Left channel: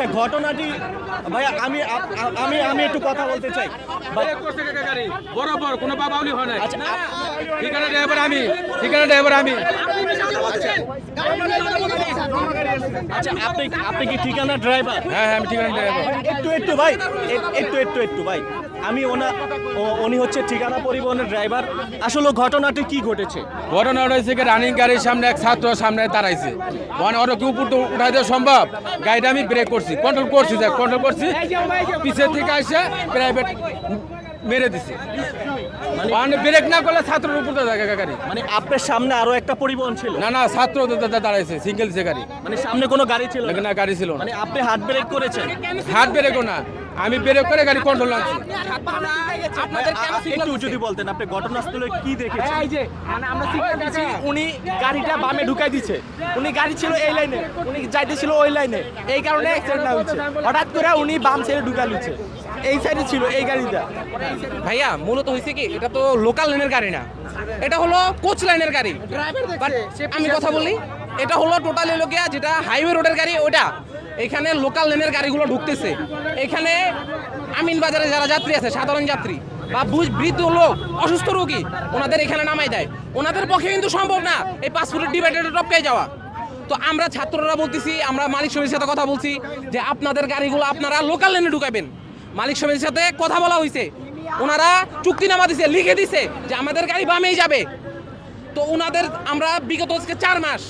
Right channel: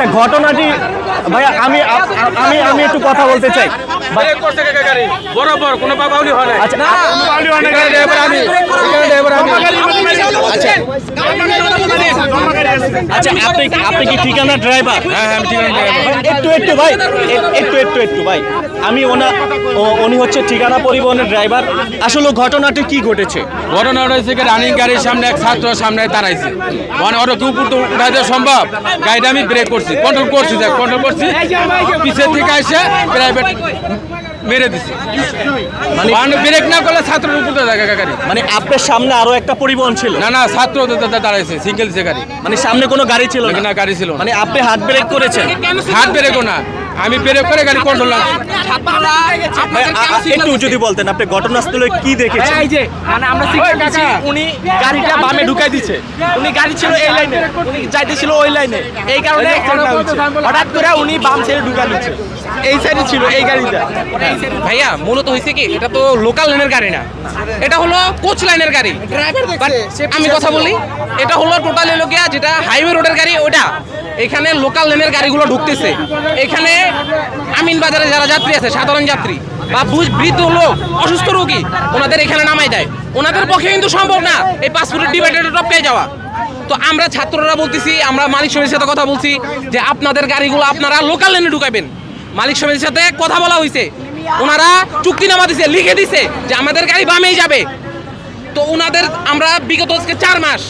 আচ্ছা ঘটনাটি ভাইয়া আমি আমি আমি একটু কথা বলতে চাই। বরাবর কোনো হয় না আচ্ছা না আচ্ছা আচ্ছা আপনি আপনি কি ঠিকানা ড্রাইভার হ্যাঁ হ্যাঁ আমি ঠিকানা ড্রাইভার একটু একটু ভাই একটু একটু একটু ভাই। আমি ওনা উনি হচ্ছে ঠিকানা পরিবহনের ড্রাইভার আসলে ঘটনাটি কি ঘটেছে? ঘটনা রয়েছে কি রানিং গাড়ির সামনে এক ছাত্র সামনে দাঁড়াইছে। মানে ওর কি উপর তো উঠাই দেওয়া সম্ভব? গাড়িটা আমি ব্রেক করছি। কন্ট্রোল করছি দেখ কন্ট্রোল করছি। পিছের থেকে এসে প্রাইভেট মেরে দিছি। মানে ব্রেক না করলে ছাত্রের উপরে গাড়ি মানে আপনার সামনে আরও একটা পরিবহন ছিল? না না ছাত্র দাঁড়াইছে সিঙ্গেল সে গাড়ি। মানে সামনে কোনো গাড়ি ছিল না? না গাড়ি ছিল মানে আপনি হাত ব্রেক করেছেন? হাত ব্রেকও না। আমি ব্রেক করে গাড়ি কন্ট্রোল একটু যদি বলতেন আপনি ঘটনাস্থলে কি দেখেছেন? এই যে মানে আমরা দিচ্ছি উনি গাড়িটা বামে ঢুকাই দিছে। উনি গাড়ি ছিল এই লাইনে উনি যাইতে ছিল ওই লাইনে। এই কারণে হঠাৎ করে উনি বাম সাইডে ঢুকাই দিচ্ছে এই সাইডে ছিল এই গাড়িটা। ভাইয়া মূলত হয়েছে কি এটা তো লোকাল লাইনের গাড়ি না। এটা হলো কোচ লাইনের গাড়ি। আমি কথা বলি এটা হলো টোটাল এলো গিয়া যেটা হাইওয়ে রোডের গাড়ি ওটা এখানে লোকাল লাইনের গাড়িগুলো ঢুকতেছে। এখানে আমিন বাজারে যারা যাত্রী আছে, সাধারণ যাত্রী বা বৃদ্ধ লোক, অসুস্থ রোগী, ওনাদের এখানে নামাই দেয়। ওনাদের পক্ষে কিন্তু সম্ভব না এই পাসপোর্টের ডিভাইডারে টপকে যাওয়া। তো আমরা ছাত্ররা বলতেছি, আমরা মালিক সমিতির সাথে কথা বলছি যে আপনাদের গাড়িগুলো আপনারা লোকাল লেনে ঢুকাবেন। মালিক সমিতির সাথে কথা বলা হয়েছে। ওনারা চুক্তিনামা দিছে, লিখে দিছে যে আমাদের গাড়ি বামেই যাবে। তো ওনাদের আমরা বিগত আজকে চার মাস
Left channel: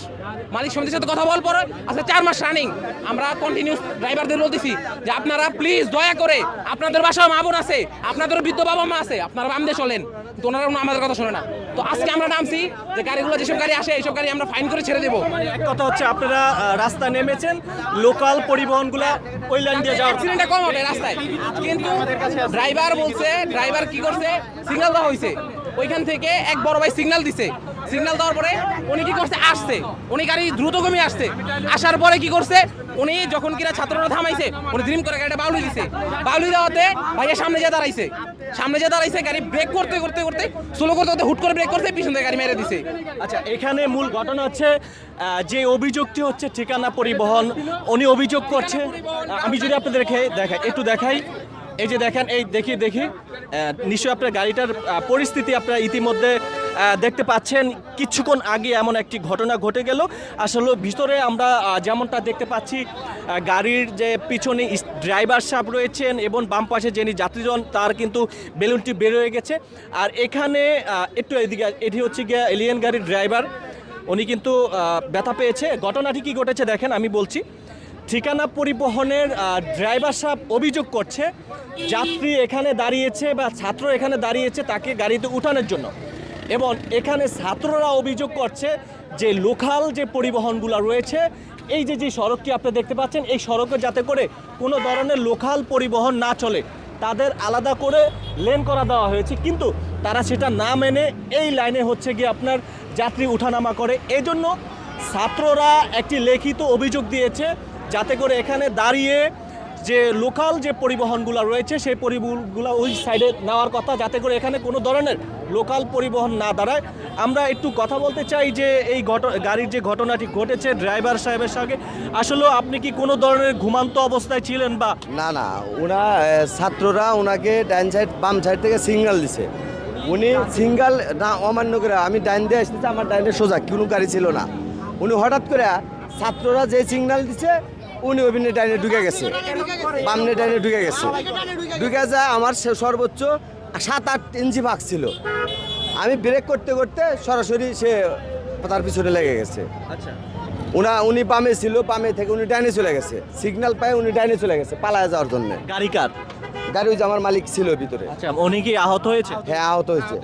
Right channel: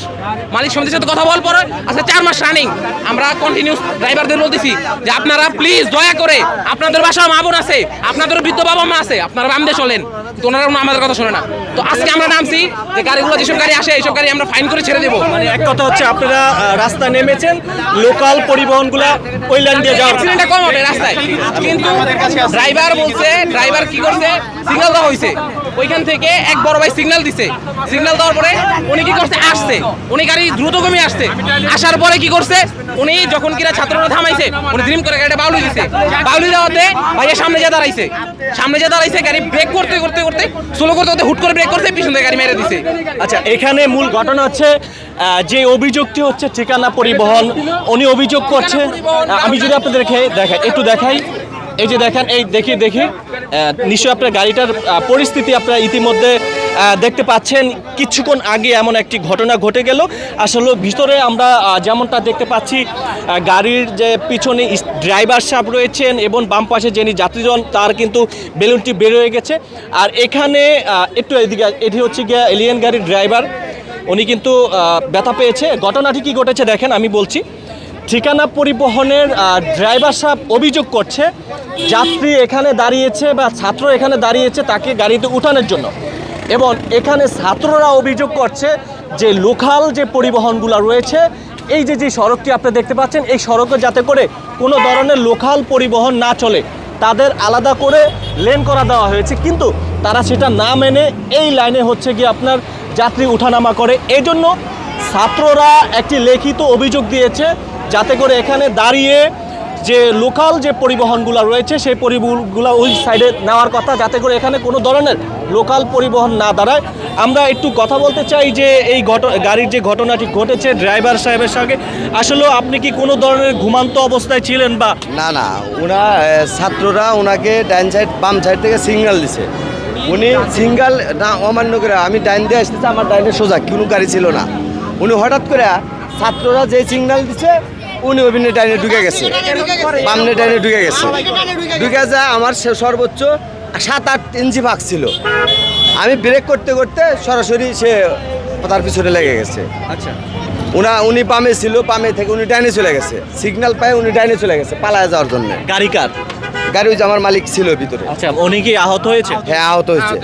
মালিক সমিতির সাথে কথা বল পরে আচ্ছা চার মাস রানিং আমরা কন্টিনিউস ড্রাইভারদের বলতেছি যে আপনারা প্লিজ দয়া করে আপনাদের বাসায় মা বোন আছে আপনাদের বৃদ্ধ বাবা মা আছে আপনারা বাম দিয়ে চলেন। তো ওনারা আমাদের কথা শোনে না। তো আজকে আমরা নামছি যে গাড়িগুলো যেসব গাড়ি আসে এইসব গাড়ি আমরা ফাইন করে ছেড়ে দেবো। মানে এক কথা হচ্ছে আপনারা আহ, রাস্তায় নেমেছেন লোকাল পরিবহনগুলা ওই লাইন দিয়ে যাওয়ার অ্যাক্সিডেন্টটা কম হবে রাস্তায়। কিন্তু ড্রাইভার বলছে ড্রাইভার কি করছে? সিগন্যাল দেওয়া হয়েছে ওইখান থেকে এক বড় ভাই সিগন্যাল দিছে। সিগন্যাল দেওয়ার পরে উনি কি করছে? আসছে। উনি গাড়ি দ্রুতগমী আসছে। আসার পরে কি করছে? উনি যখন কিনা ছাত্ররা থামাইছে উনি ড্রিম করে গাড়িটা বাউলি দিছে। বাউলি দেওয়াতে ভাইয়ের সামনে যা দাঁড়াইছে। সামনে যা দাঁড়াইছে গাড়ি ব্রেক করতে করতে করতে স্লো করতে করতে হুট করে ব্রেক করতে পিছন থেকে গাড়ি মেরে দিছে। আচ্ছা এখানে মূল ঘটনা হচ্ছে যে অভিযোগটি হচ্ছে ঠিকানা পরিবহন উনি অভিযোগ করছে। আমি যদি আপনাদেরকে দেখাই একটু দেখাই। এই যে দেখেন, এই দেখি দেখি। নিশ্চয়ই আপনার গাড়িটার পরিস্থিতি আপনারা ইতিমধ্যে দেখতে পাচ্ছেন। কিছুক্ষণ আগে এমন একটি ঘটনা ঘটে গেল। আসলে ভিতরে আমরা যেমনটা দেখতে পাচ্ছি গাড়ির যে পিছনে ড্রাইভার সাহেব রয়েছেন এবং বাম পাশে যিনি যাত্রীজন, তার কিন্তু বেলুনটি বের হয়ে গেছে। আর এখানে একটু এদিকে, এটি হচ্ছে গিয়ে এলিয়েন গাড়ির ড্রাইভার। উনি কিন্তু ব্যথা পেয়েছে। ঘটনাটি কি ঘটেছে দেখেন, আমি বলছি। ঠিকানা পরিবহনের ড্রাইভার সাহেব অভিযোগ করছে, যাত্রী এখানে দাঁড়িয়েছে বা ছাত্র এখানে দাঁড়িয়েছে তাকে গাড়িতে উঠানোর জন্য। এবং এখানে ছাত্ররা অভিযোগ করছে যে লোকাল যে পরিবহনগুলো রয়েছে, এই যে যে সড়কটি আপনি দেখতে পাচ্ছেন, এই সড়কে যাতে করে কোনো ধরনের লোকাল পরিবহন না চলে, তাদের আলাদা করে লেন করা দেওয়া হয়েছে। কিন্তু তারা সেটা না মেনে এই লাইনে হচ্ছে গিয়ে আপনার যাত্রী উঠানামা করে। এই জন্য ছাত্ররা একটি লিখিত অভিযোগ দিয়েছে যাতে করে এখানে দাঁড়িয়ে যে লোকাল যে পরিবহনগুলো রয়েছে, সেই পরিবহনগুলো ওই সাইডে নেওয়ার কথা, যাতে করে এখানে কোনো ধরনের লোকাল পরিবহন না দাঁড়ায়। আমরা একটু কথা বলতে চাই যে এই গাড়ির যে ঘটনাটি ঘটেছে ড্রাইভার সাহেবের সঙ্গে। আসলে আপনি কি কোনো ধরনের ঘুমান্ত অবস্থায় ছিলেন বা? না না, ওনা ছাত্ররা ওনাকে ডাইন সাইড বাম সাইড থেকে সিগন্যাল দিছে। উনি সিঙ্গেল না, অমান্য করে আমি ডাইন দিয়ে আসতেছি, আমার ডাইনে সোজা, কোনো গাড়ি ছিল না। উনি হঠাৎ করে ছাত্ররা যে সিগন্যাল দিছে উনি অভিনয় টাইনে ঢুকে গেছে। বামনে টাইনে ঢুকে গেছে। ঢুকে যা আমার সে সর্বোচ্চ সাত আট ইঞ্চি ভাগ ছিল। আমি ব্রেক করতে করতে সরাসরি সে তার পিছনে লেগে গেছে। আচ্ছা। উনা উনি পামে ছিল পামে থেকে উনি ডাইনে চলে গেছে। সিগন্যাল পায়ে উনি ডাইনে চলে গেছে পালায় যাওয়ার জন্য। গাড়ি কার? গাড়ি ওই যে আমার মালিক ছিল ভিতরে। আচ্ছা উনি কি আহত হয়েছে? হ্যাঁ আহত হয়েছে।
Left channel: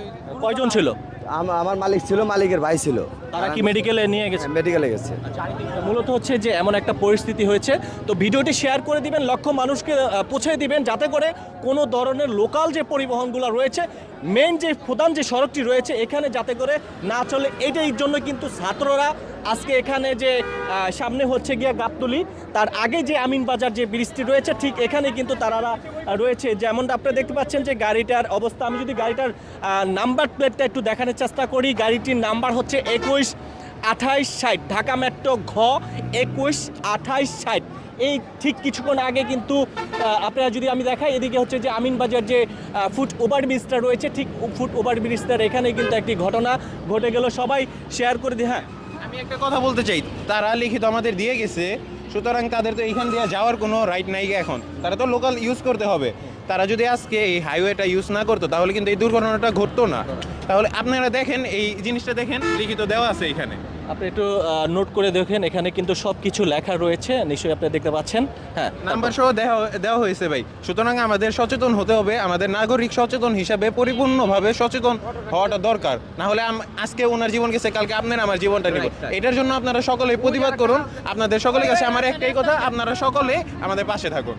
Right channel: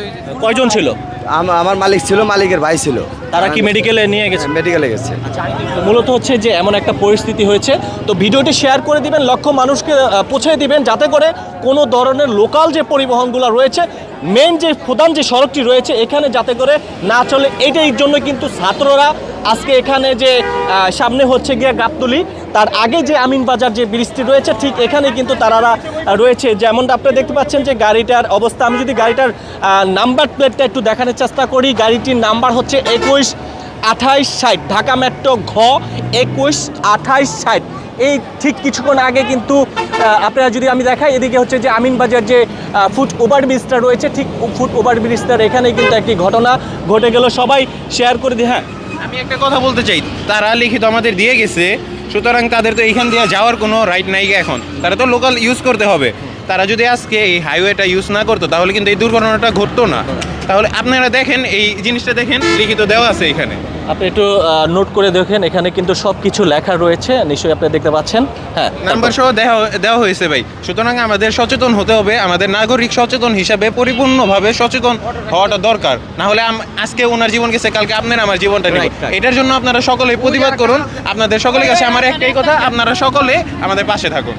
কয়জন ছিল? আম- আমার মালিক ছিল মালিকের ভাই ছিল। তারা কি মেডিকেলে নিয়ে গেছে? মেডিকেলে গেছে। মূলত হচ্ছে যে এমন একটা পরিস্থিতি হয়েছে। তো ভিডিওটি শেয়ার করে দিবেন লক্ষ মানুষকে আহ, পৌঁছে দিবেন যাতে করে কোনো ধরনের লোকাল যে পরিবহনগুলো রয়েছে মেন যে প্রধান যে সড়কটি রয়েছে এখানে যাতে করে না চলে। এটাই জন্য কিন্তু ছাত্ররা আজকে এখানে যে আহ, সামনে হচ্ছে গিয়ে গাবতলি। তার আগে যে আমিন বাজার যে ব্রিজটি রয়েছে, ঠিক এখানে কিন্তু তারা রয়েছে। যেমনটা আপনারা দেখতে পাচ্ছেন যে গাড়িটার অবস্থা, আমি যদি গাড়িটার নাম্বার প্লেটটা একটু দেখানোর চেষ্টা করি, গাড়িটির নাম্বার হচ্ছে একুশ আঠাইশ ষাট। ঢাকা মেট্রো ঘ, একুশ আঠাইশ ষাট। এই ঠিক কিছুক্ষণ আগে কিন্তু আপনারা যদি আমি দেখাই, এদিকে হচ্ছে যে আমিনবাজার যে ফুট ওভার ব্রিজটা রয়েছে, ঠিক ফুট ওভার ব্রিজটার এখানে কিন্তু একটি ঘটনা ঘটে গেল। সবাই শেয়ার করে দিই হ্যাঁ। আমি একটা কথা বলতে চাই, তারা লিখিত আমাদের দিয়ে গেছে সুতরাং তাদের তো এইখান দিয়ে যাওয়ার কোনো রাইট নাই এখন। তারা তো লোকাল ইউজ করতে হবে। তারা যদি আজকে এই হাইওয়েটা ইউজ না করতো, তাহলে কিন্তু এই দুর্ঘটনাটা ঘটতো না। তাহলে আপনারা দেখেন, এই জিনিসটা দেখেন, লিখিত দেওয়া আছে এখানে। আপনি একটু নোট করে দেখেন এখানে কিন্তু সব কিছু লেখা রয়েছে। নিশ্চয়ই আপনি দেখতে পাচ্ছেন। হ্যাঁ নাম্বার সহ দেওয়া দেওয়া হয়েছে ভাই। সুতরাং আমাদের সচেতন হতে হবে আমাদের নাগরিক সচেতন হিসাবে পরিপূর্ণভাবে সচেতন হওয়াটা দরকার। না হলে আজকে ওনার জীবন গেছে কালকে আপনার আমার জীবনটা নেই. এটার জন্য আপনারা সকলে প্রতিবাদ করুন। আপনাদের সকলের কাছে আমার একটাই কথা আপনারা সকলে আমাদের পাশে থাকুন।